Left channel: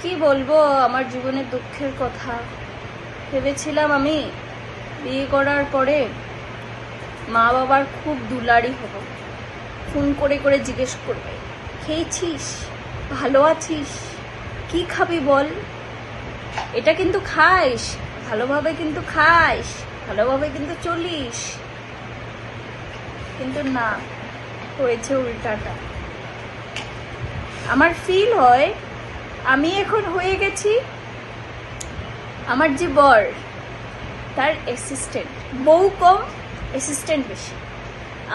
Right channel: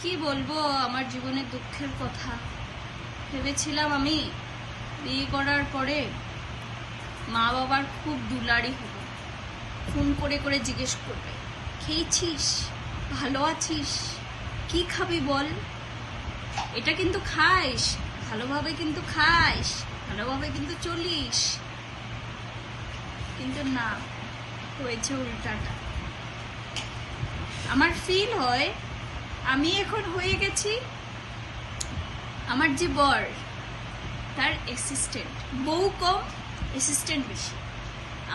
কি বলবো আমার জীবনের দুঃখের কথা। ভেবেছিলাম আমি বিয়ে করার পরে মা বাবার খুব দুলারি হব, ফোন করে করে জিজ্ঞেস করবে খেয়েছিস, ভালো আছিস, কি খাবি বল, এটা কিন্তু খাইস, ভালোভাবে কিন্তু খাইস, ভালোভাবে কিন্তু চলিস। কিন্তু না, হয়েছে উল্টাটা। আমার ফিল হয় আমি এখন হয়ে গেছি আমার যে বর তার অ্যাসিস্ট্যান্ট, বউ কম অ্যাসিস্ট্যান্ট বেশি।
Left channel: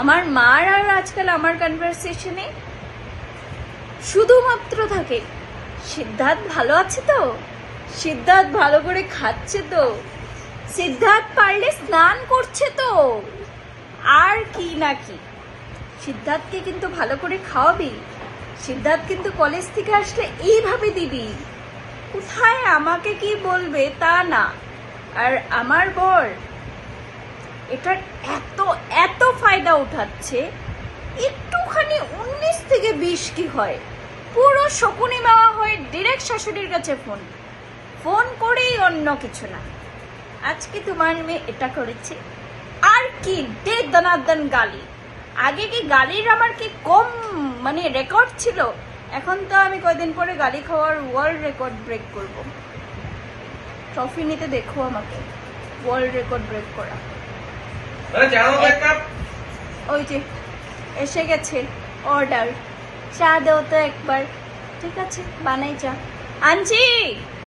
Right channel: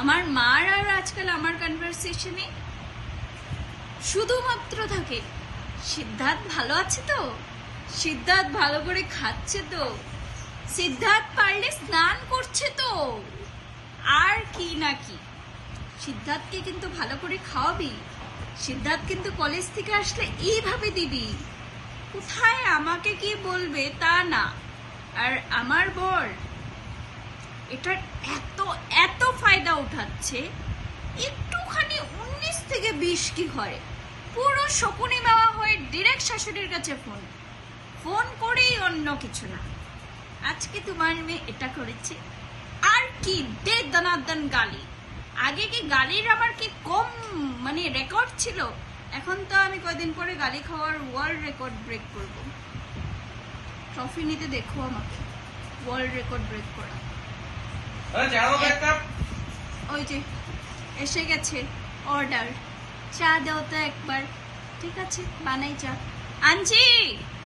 আমার মার আর আজকাল আমার কনভারসেশনে শুধুমাত্র থাকে সিদ্ধার্থ ভালো আছে তো, সিদ্ধার্থ ভালো করে খাচ্ছে তো, সিদ্ধার্থ পারলে স্নান করছে তো, আর কি না কি। সিদ্ধার্থকে কিন্তু ভালো করে খাওয়াবি, সিদ্ধার্থ কিন্তু কলেজ থেকে আসলে এইভাবে দিবি, কোথায় আমাকে কি বলবে তা না। আর আমার বর এটার এত এত ফায়দা উঠাচ্ছে, একটুখানি 19 থেকে 20 কি হয়, পুরো শকুনি নেওয়া হয় ডিরেক্ট শাশুড়ির কাছে ফোন ফোন করেই, অন্য কিছু না। আজকে তোমার মেয়ে এটা করেছে, আর কি দে দনাদন গালি। আগে কি গালির আমার কি কম মানে রেকর্ড ছিল? এখন তো আমি কয়দিন পরে গালি খাওয়ার ওয়ার্ল্ড রেকর্ড ব্রেক করব। ট্রফি নিতে দেখো আমাকে ওয়ার্ল্ড রেকর্ড ব্রেক করা। ওই যে এসে গেছে অর্ডার, চা দাও তো একবার। ঠিক আছে বানাই চা, আনছি।